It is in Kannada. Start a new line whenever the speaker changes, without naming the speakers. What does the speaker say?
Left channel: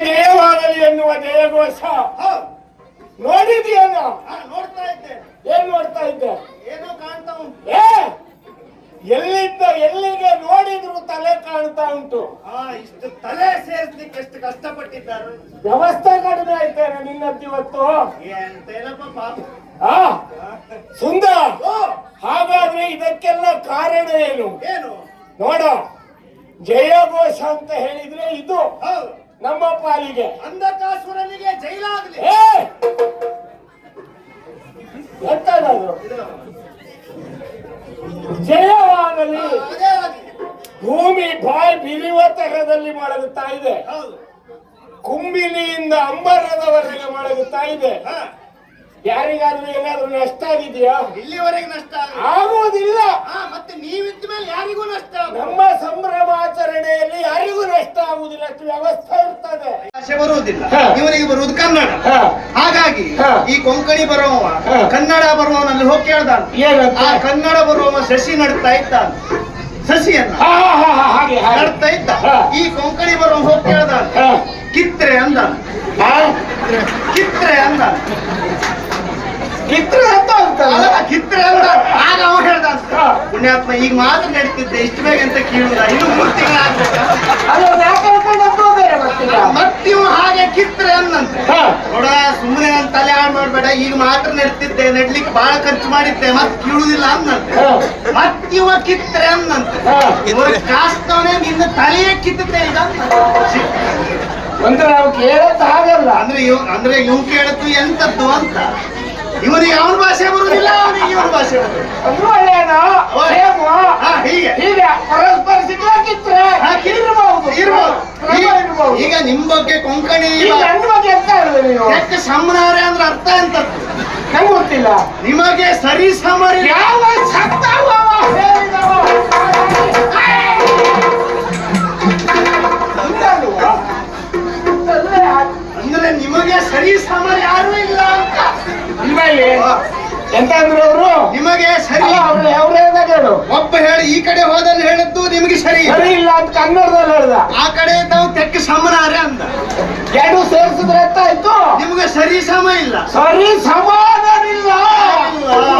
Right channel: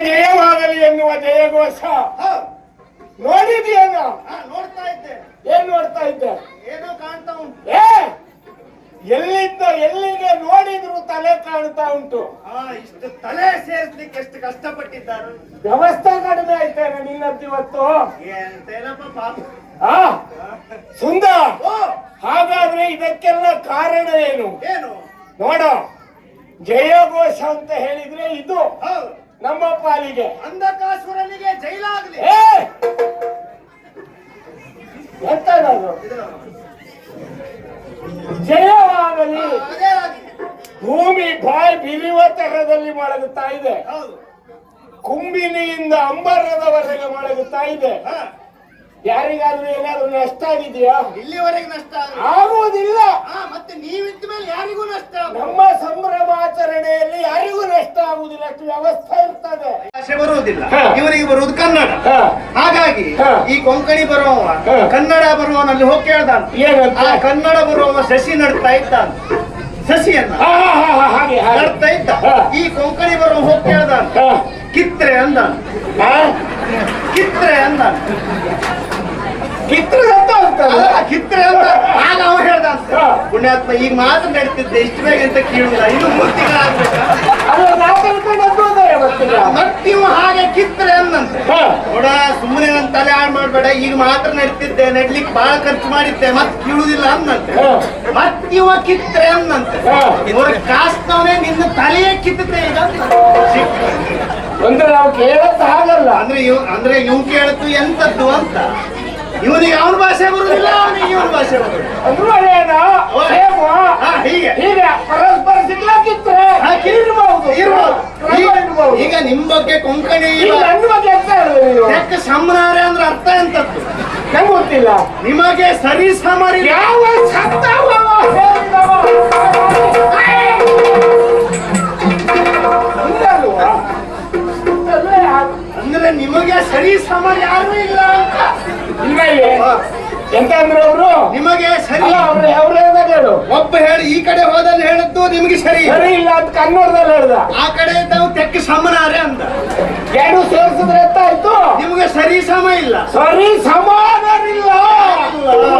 ಜಯವಾಗಲಿ ಎನ್ನುವ ಜಯಘೋಷ. ನೋಡಿದೆಯಲ್ಲ
ನೋಡ್ತಾ ಇದ್ದೆ.
ಏನ್ ನೋಡ್ತಾ ಇದ್ದೆ?
ಏನೋ ಕಾಣ್ತಾ ಉಂಟು.
ಏ ಎಲ್ಲಿದ್ದ ಎಲ್ಲಿಗೆ ನೋಡಿದ್ರು ತಲೆ ಕಾಣ್ತಾ ಉಂಟು.
ಇಷ್ಟು ತಲೆ ಸೇರಿಸ್ಲಿಕ್ಕೆ ಎಷ್ಟು ಕಷ್ಟಪಟ್ಟಿದ್ದಾರೆ.
ವ್ಯವಸ್ಥೆ ಕಡಿಮೆ ಆಯ್ತೇನೆ ನಿನ್ನದ್ದು ಇವತ್ತು.
ಎಂತೇನಪ್ಪ ಪಾಪ.
ಆ ಸುಂದರ. ಹಾಗಾದ್ರೆ ಇದಕ್ಕೆಲ್ಲ ಕಾರಣ ಏನು?
ಏನು?
ನೋಡ ಜಯಘೋಷ ಅಂತ ಹೇಳಿದ್ರೆ ಇದು. ನಮ್ಮ ಪಾಲಿಗೆ
ಅಂಧಕಾಸುರನಿಗೆ ಜೈಲಾಗಲಿ.
ಎಂತ ಜಯವಾಗಲಿ. ಭೂಮಿ ಬಾಯಿ ಬಿರಿಯುವ ತರದಲ್ಲಿ ಮಲಗುತ್ತಾ ಇದೆ.
ಹೌದು.
ಕುಂಬಿನಿಯಿಂದ ಅಂಬರದವರೆಗೆ ಮಲಗುತ್ತಾ ಇದೆ.
ಹಾ.
ಯಾರಿಗಾದ್ರೂ ಏನಾದ್ರೂ ನಷ್ಟ ಆಗಿದೆಯಾ?
ಇಲ್ಲಿವರೆಗೆ ನಷ್ಟ
ಆಗುವುದಿಲ್ಲ. ಆಗುವುದಿಲ್ಲ ಅಷ್ಟು ವ್ಯವಸ್ಥೆ ಇರ್ತದೆ.
ಭಾಷೆ ಬರುವುದಿಲ್ಲ. ಇವರಿಗೆ ಬರುವುದು ಕನ್ನಡ.
ಹ,
ಹಾಗಾಗಿ
ಹಾ.
ಈ ಕೊಂಕಣಿ ಬರುವವ. ಕನ್ನಡ ಬರುವವನಲ್ಲಿ ಹೋಗಿ ಕೇಳ್ದಾನ.
ಏನಂತ
ಆ ಕನ್ನಡ ಬರುವವ ಸಸಿ ನಡ್ತಾ ಇದ್ದ ಸಸಿಯನ್ನ
ಹಾ, ಹಾ, ಹಾ, ಹಾ, ಹಾಗೆ ಹಾಗೆ.
ನಡ್ತಾ ಇದ್ದ. ಈ ಕೊಂಕಣಿ ಬರುವ ಹೋಗಿ ಕೇಳ್ದ
ಹ,
ಕಿತ್ರೆ ಅಂದ
ಹಾ?
ಕಿತ್ರೆ ಅಂದ
ಕಿತ್ರೆ ಅಂತ
ಕಿತ್ರೆ ಅಂತ ಆಗ. ಪುಣ್ಯಾತ್ಮ ಈಗ ಮಾತ್ರ ನಡೀತಿದ್ದೆ. ಇಷ್ಟು ಬೇಗ ಅಂತ ಕೇಳುದ ಇದು ಹಾಗೆ ಕಿತ್ರೆ ಅಂದಂತೆ
ಹ,
ನೋಡ ಸುಮ್ಮನೆ ನನ್ನ ತಲೆ ಹಾಳು ಮಾಡ್ಬೇಡ. ಈಗ ಮಾತ್ರ ನಡೀತಿದ್ದೆ. ನಡ್ಲಿಕ್ಕೆ ಬಹಳ ಖರ್ಚು ಮಾಡಿದ್ದೆ. ಮತ್ ಕೀಳುದಿಲ್ಲ ಅಂದಂತೆ ಮತ್ತಿವ ಕಿತ್ರೆ ಅಂದಂತೆ
ಹ.
ಕಾಸ್ತವನೇ ನಿನ್ನ ತಲೆಯೇ ಕಿತ್ತೆ
ಒಂದು ನಾವು ಕೇಳತ್ತ ಹಾಗಲ್ಲ.
ಅಂದ್ರೆ ಇವ್ ಅಂದ್ರೆ ಇವ್ ಕೇಳತ್ತು ಎಂತದ್ದು ಅಂತ. ಇವನಿಗೆ ಅವನ ಭಾಷೆ ಬರುದಿಲ್ಲ ಅವನಿಗೆ ಇವನ ಭಾಷೆ ಬರುದಿಲ್ಲ
ಅದು ಒಳ್ಳೆಯನಾ? ಸೇಮು?
ಹಾ, ಹೀಗೆ
ಹೀಗೆ ಪರಸ್ಪರ ಸಿಗ್ಲಾಕಿದ್ರೆ ಇರ್ಬಹುದು ಇರ್ಬಹುದು.
ಈಗ ನಿಮ್ ಬಗ್ಗೆ ಕೊಂಕಣಿ
ನನ್ನ ಬಗ್ಗೆ
ಯಾಕೆ ಸಮನಾರೆ ಅಂದ್ರೆ ಅರ್ಥ ಎಂತದ್ದು
ನಂಗೆ ಗೊತ್ತಿಲ್ಲ
ನಿಮಗೆ ಸರಿ ಸಮರಿ
ಯಾವ ಸತ್ತವ ಹೇಳಿದವ? ಎಂತ ಅಂದ್ರು ಅವರು?
ನಿಮಗೆ ಸರಿ.
ಅವರು ಹೇಳು
ಒಬ್ಬ ಹೇಳಿ ಈ ಕಡೆ ಹೋದಲ್ಲಿ ಹೇಳಿದ್ದು ನಿಮಗೆ ಸರಿ. ಇಲ್ಲ.
ಸರಿ ಇಲ್ಲ ಅಂತ ಕನ್ನಡದಲ್ಲಿ ಹೇಳ್ದ.
ಆ ಕಡೆ ಇದ್ದವು ತೆಕ್ಕ ಸಮನಾರ ಅಂದ.
ಎರಡು ಸೇರಿಸಿದ್ರೆ ಆಯ್ತು
ನಿಮಗೆ ಸರಿ ಸಮ ಇಲ್ಲ.
ಸರಿ ಸಮಾನ
ನೋಡಿದೇನೇನೋ